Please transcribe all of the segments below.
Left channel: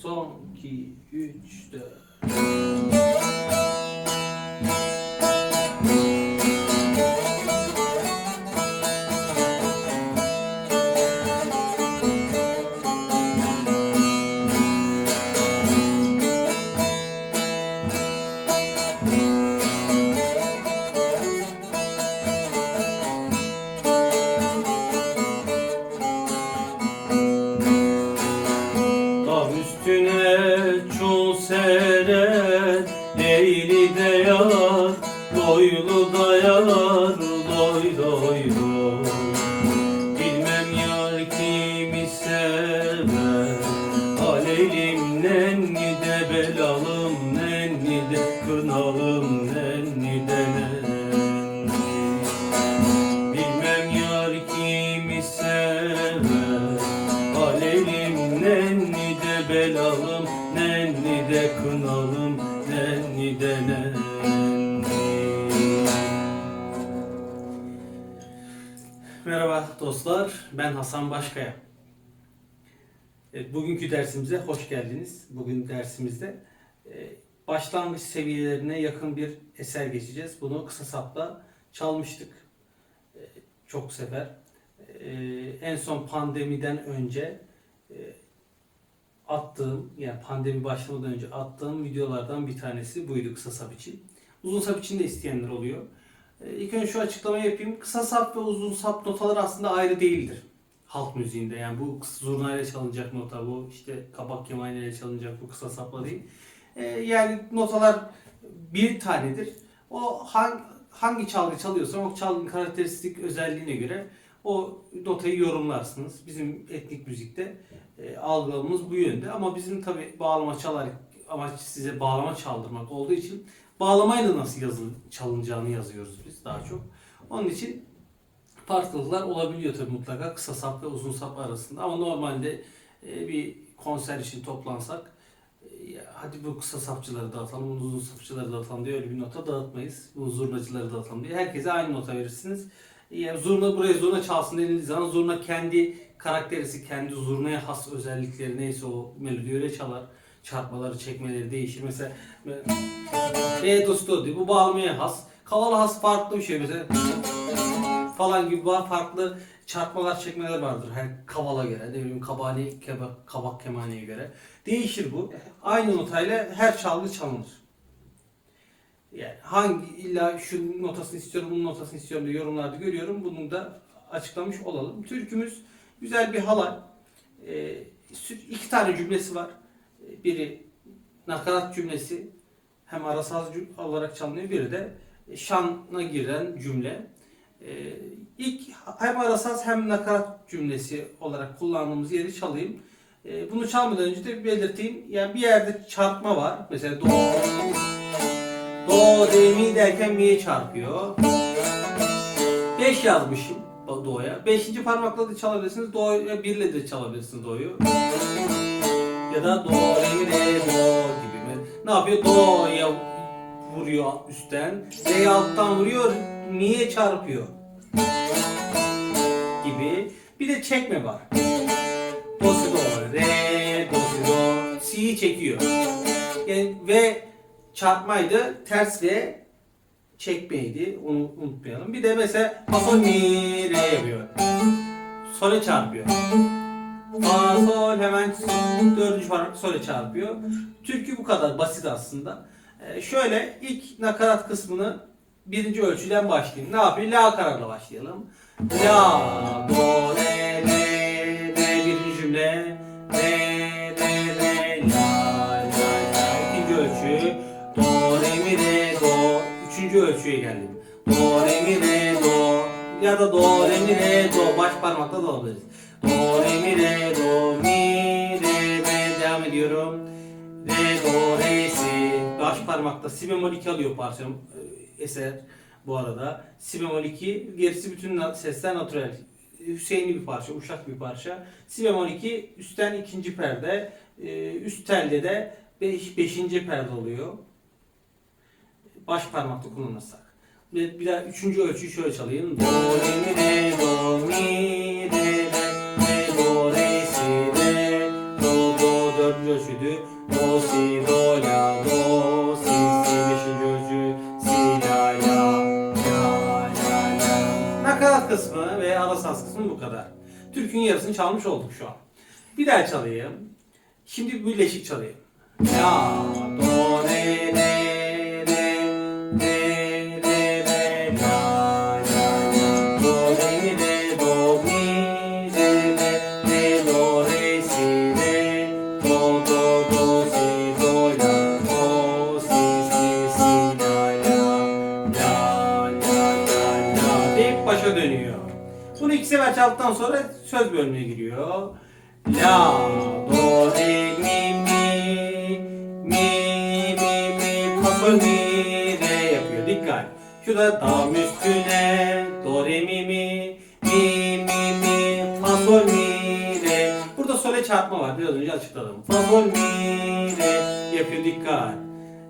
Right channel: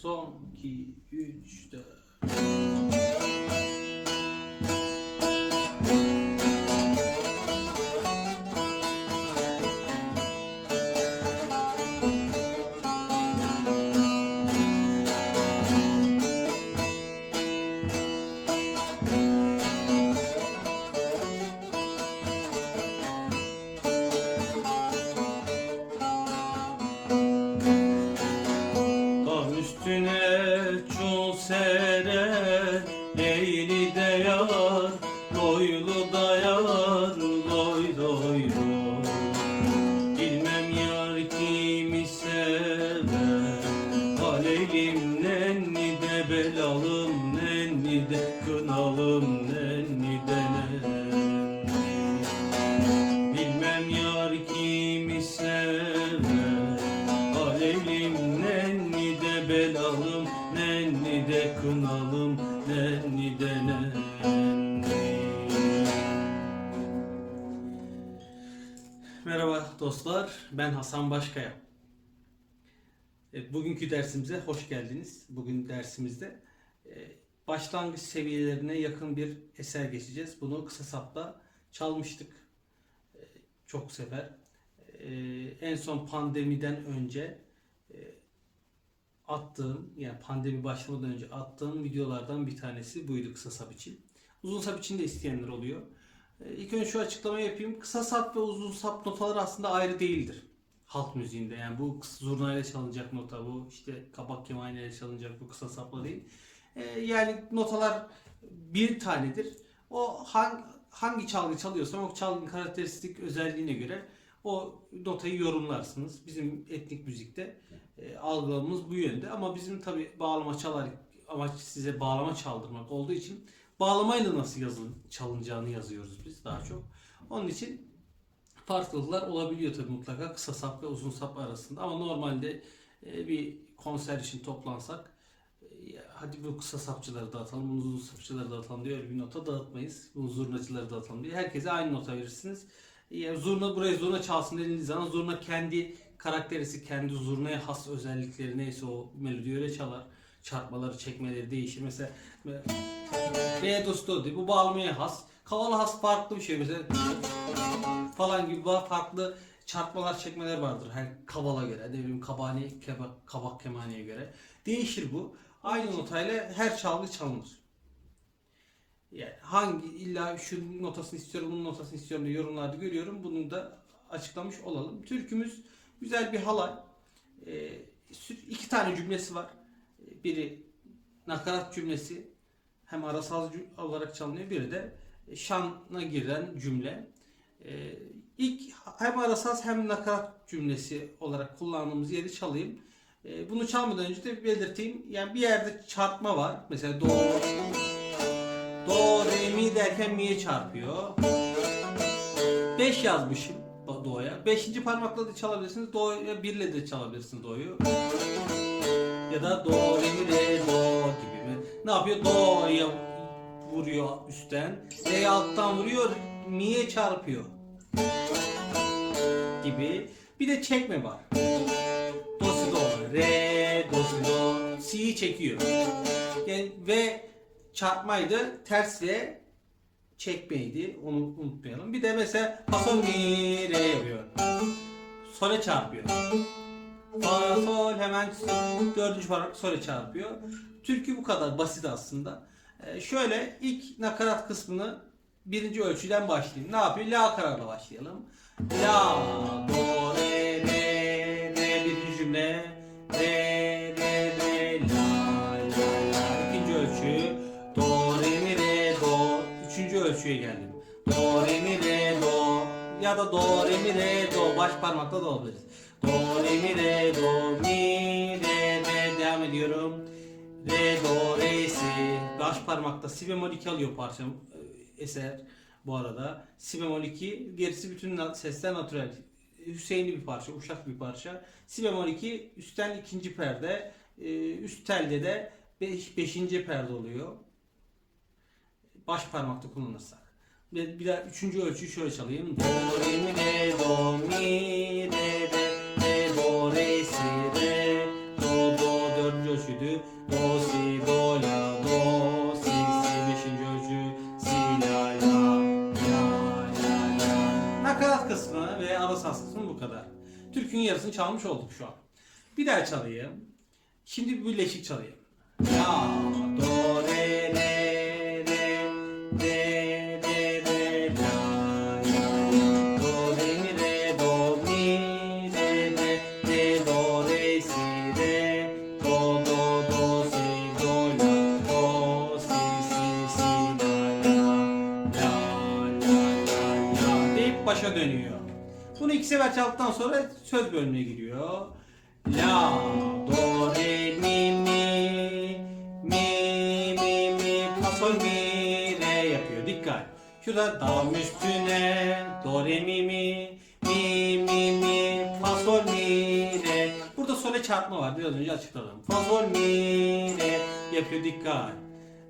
Son 2, 3, 4. Leyli de yar Loylu da yar Loy loy loy Bilmem yar kimi sever Aleylim nenni de belalım Nenni de kınalım Nenni de nenni Merhaba dostlar, ben Hasan Başkaya. Bugünkü dersimize hoş geldiniz. Bugün dersimizde e, başlangıç seviyelerine yakın bir eser geçeceğiz. Bunu kısa sapla çalmıştık E, çok sefer. E, En son pandemiden önce attığım, yani pandemi başlamadan önce attığım videolardan bir tanesi buydu kısa sap için. Uzun sap için de isteyenler oluyor. E, İlk önce şu açıklamayı yapayım. Kısa sap ve uzun sap notaları aslında ayrı değildir. Halk müziğinde yani bu kısa zurnayla çalınacak nota bu işte kabak kemaniyle çalınacak bu kısa sapla değil. E, yani notalar bir tanedir. O hangi, hangi çalgı çalıyorsan o çalgının karakteristik özelliğine göre o notayı yorumlarsınız. Bizim etnik müzikte e, algılamamız bu yönde ama bizim tabi bağlama çalarak amaç size bağlama çaldırmak olduğu için bağlamayla nasıl yazı, çalınacağını yazıyoruz biz daha çok. Onun için farklılıklar olabiliyor tabi mutlaka kısa sap ve uzun sap arasında ama normalde e, bir konser için toplansak e, hadi bu kısa sapçıları dağıtalım, bunu uzun sapçıları dağıtalım diye öyle bir nota dağıtmayız. Bu zurnacıları dağıtalım diye. Herkese aynı nota verirsiniz. Yani zurna buraya zurna çalsın dediğiniz zaman zurna kendi karakterisi, kendi zurnaya has özellikleri neyse o melodi öyle çalar. Çarpmaları, çekmeleri değişir. Mesela re do do diye bu bağlamaya has. Kavala has farklı bir şey mesela. Falan gibi ba- farklı çarpmalar çekmeler vardır. Her kavala göre ne bileyim kabani keba, kabak kemaniye göre. Değişir bu. Aynı notayla her çalgı çalınır. Yani hangi illa şu notasını istiyorum bunun notasını istiyorum diye yorumlarda görüyorum. Bunu da açıklamış olalım. Türkümüz güzel bir halay. Ee, iki tane cümlesi var. Ee, biri nakarat cümlesi hem arasaz cüm- olarak çalınıyor. Biri de şana giren cümle ee, ilk hem arasaz hem nakarat cümlesi olarak kullandığımız yeri çalayım. Ee, bunu çalmadan önce de belirteyim. Yani bir yerde çarpma var. Mesela do, do, re, mi derken mi'ye çarpıyor. 5 yazmışım do'ya. Beşinci parmakla da çalabilirsiniz. Do'ya birle de çalabilirsiniz do'yu. Ya da do, re, mi, re, do gibi. Ne yapıyor? Do'ya vuruyor üstten. Re'ye alttan vuruyor. Mi'ye çarpıyor gibi. Bir de çekme var. Do si do. Re do si do. Si'yi çekiyor. Yani ve çarpmaydı. Ters ve çekmeydi. Onu unutmayalım. Bir de mesela fa mi re yapıyor. Sole çarpıyor. Fa sol hemen dördüncü parmak sole çarpıyor. Türkü bu kadar basit aslında. Ee, şöyle ilk nakarat kısmını birinci ölçüden başlayayım. Ne yapayım? La kararla başlayalım. La, do, re, re, re birinci cümle. Re, re, re, la, la, la. İkinci ölçü. Do, re, mi, re, do. Üçüncü ölçüye geldim. Do, re, mi, re, do. Ya da do, re, mi, re, do. Baş parmakla da olabiliriz. Do, re, mi, re, do, mi, re, re. Devam ediyorum. Re, do, re, si. Baş parmakta si bemol 2 alıyor parçam e, eser bu arada. Si bemol 2, gerisi bütün sesler natürel. Hüseyinli bir parça, uşak bir parça. Si bemol 2, üstten ikinci perde, e, üst telde de 5. beşinci perde oluyor. Baş parmakta kullanırsak. Bir daha üçüncü ölçüyü şöyle çalayım. Do, re, mi, re, do, mi, re, re, do, re, si, re, do, do, dördüncü ölçüydü. Do, si, do, la, do, saz kısmı bu kadar. Türkün yarısını çalmış olduk şu an. Bir daha çalayım. Şimdi bir birleşik çalayım. La, do, re, re, başa dönüyor. Bunu iki sefer çaldıktan sonra söz bölümüne giriyor. La, do, re, mi, mi, mi, mi, mi, fa, sol, mi, re yapıyor. Dikkat. Şurada dam üstüne, do, re, mi, mi, mi, mi, mi, fa, sol, mi, re. Burada sole çarpma var. Biraz önce açıkladım. Fa, sol, mi, re yapıyor. Dikkat.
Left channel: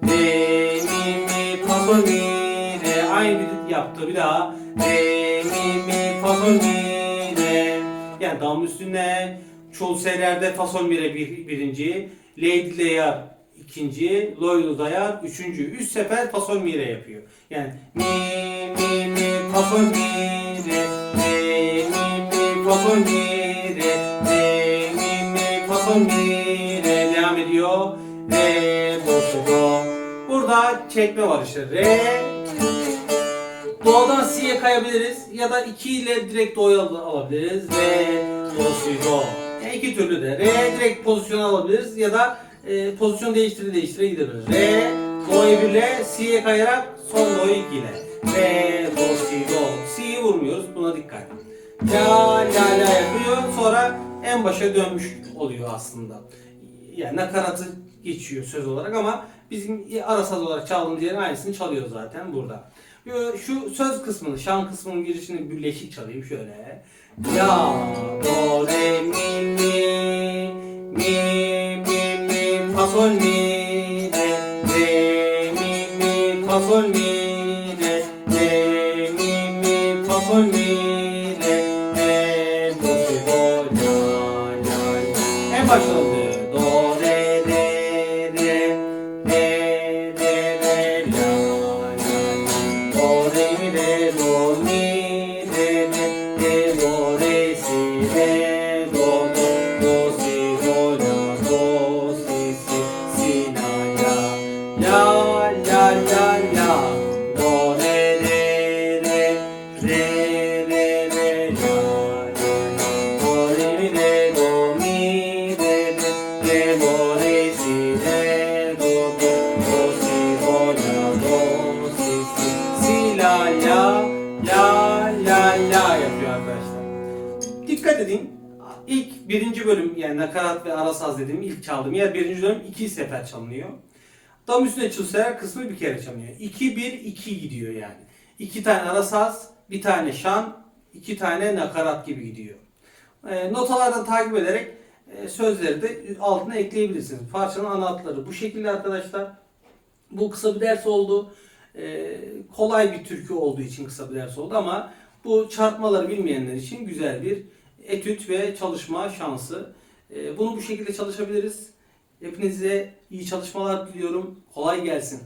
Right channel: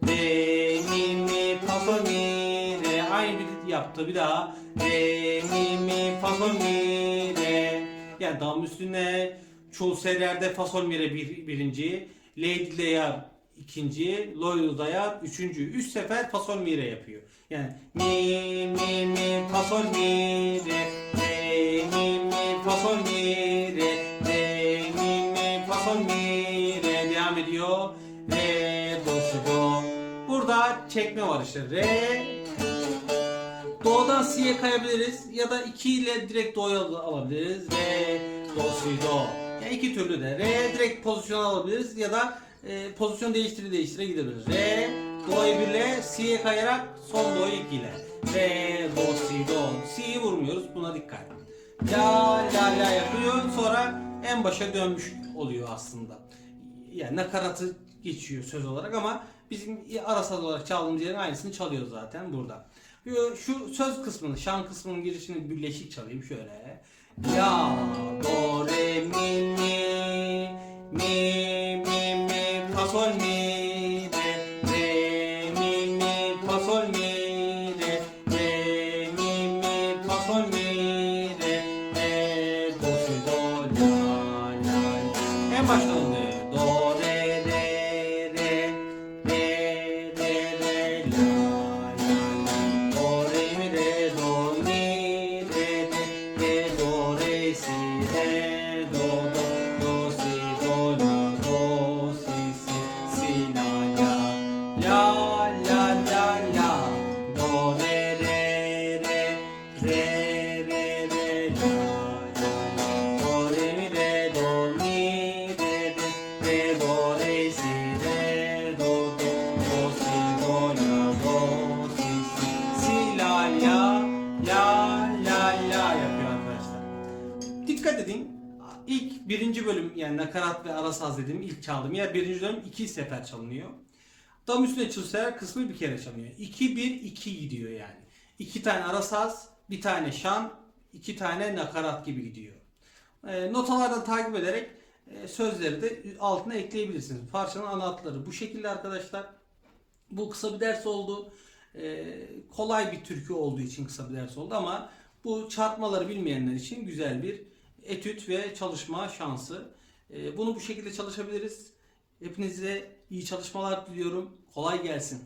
Re, mi, mi, fa, sol, mi. Aynı bir yaptı. Bir daha. Re, mi, mi, fa, sol, mi, re. Yani dam üstüne çoğu seyrelerde fa sol mi re bir, birinci, lady dayar ikinci, loydu dayar üçüncü. Üç sefer fa sol mi re yapıyor. Yani mi mi mi fa sol mi re re mi mi fa sol mi re re mi mi fa sol mi re devam ediyor. Re do do. Burada çekme var işte. Re Do'dan Si'ye kayabiliriz ya da 2 ile direkt Do'ya al- alabiliriz. Re, Do, Si, Do. Yani iki türlü de. Re direkt pozisyon alabiliriz ya da e, pozisyon değiştire değiştire gidebiliriz. Re, Do'yu 1 ile Si'ye kayarak son Do'yu 2 ile. Re, Do, Si, Do. Si'yi vurmuyoruz. Buna dikkat. La, la, la yapıyor. Sonra en başa dönmüş oluyor aslında. Yani nakaratı geçiyor söz olarak ama bizim ara saz olarak çaldığımız yerin aynısını çalıyor zaten burada. Şu söz kısmını, şan kısmının girişini birleşik çalayım şöyle. La, do, re, mi, mi, mi, mi, mi, fa, sol, mi, re, re, mi, mi, fa, sol, mi, re, re, mi, mi, fa, sol, mi, re, re, do, si, do, la, la, la. En başta bölüm yani nakarat ve ara saz dediğim ilk çaldığım yer birinci bölüm iki sefer çalınıyor. Dam üstüne çılseler kısmı bir kere çalınıyor. 2-1-2 gidiyor yani. İki tane ara saz, bir tane şan, iki tane nakarat gibi gidiyor. E, notalardan takip ederek e, sözleri de altına ekleyebilirsiniz. Parçanın ana hatları bu şekilde arkadaşlar. Bu kısa bir ders oldu. E, kolay bir türkü olduğu için kısa bir ders oldu ama bu çarpmaları bilmeyenler için güzel bir etüt ve çalışma şansı. E, bunu bu şekilde çalışabiliriz. Hepinize iyi çalışmalar diliyorum. Kolay gelsin.